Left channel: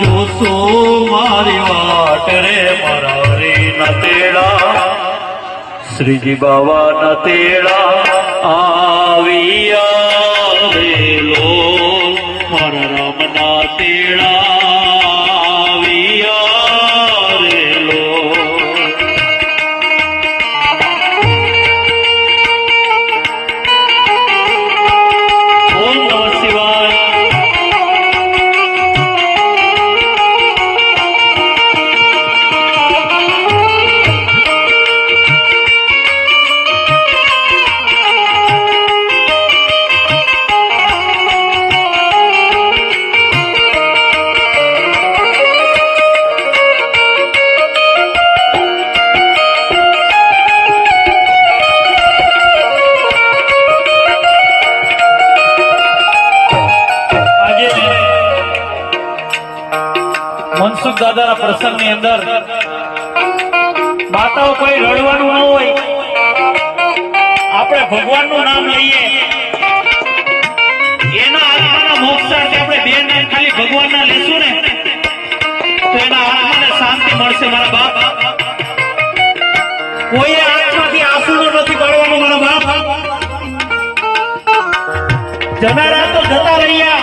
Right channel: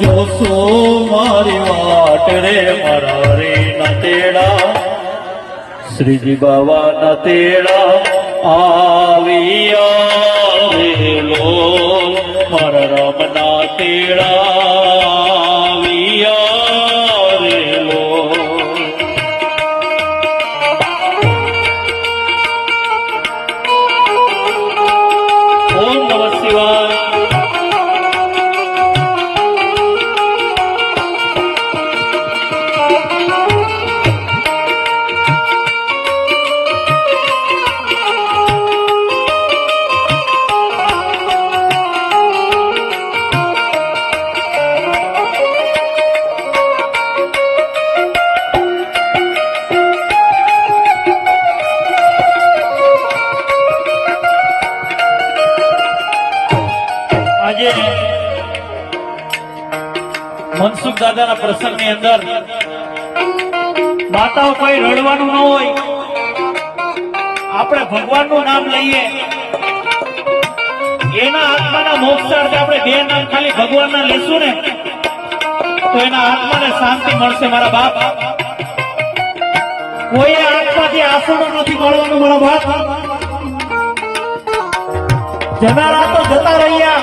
જોશો મારી વાટ રે મારા રે ના તેડા શ્રીજી બાવા ના તેડા આવ્યા રેલો મારા રામ ના તેડા આવ્યા રેલો ઓમ નમઃ શિવાય મનસુખ દાદાના પ્રસંગની અંદર માતાઓ કોઈ રડવાનું ન હોય, આપણે ભગવાનનું નામ લઈએ, એના આત્માના મોક્ષાર્થે આપણે બે નામ ખાલી ભગવાનના લેશું ને તો એના આત્માને શાંતિ મળશે. મારા બાપ, કોઈ આત્માથી આંસુનો નથી કાઢવાનું. મારા બાપ, જનારા તો જતા રહ્યા,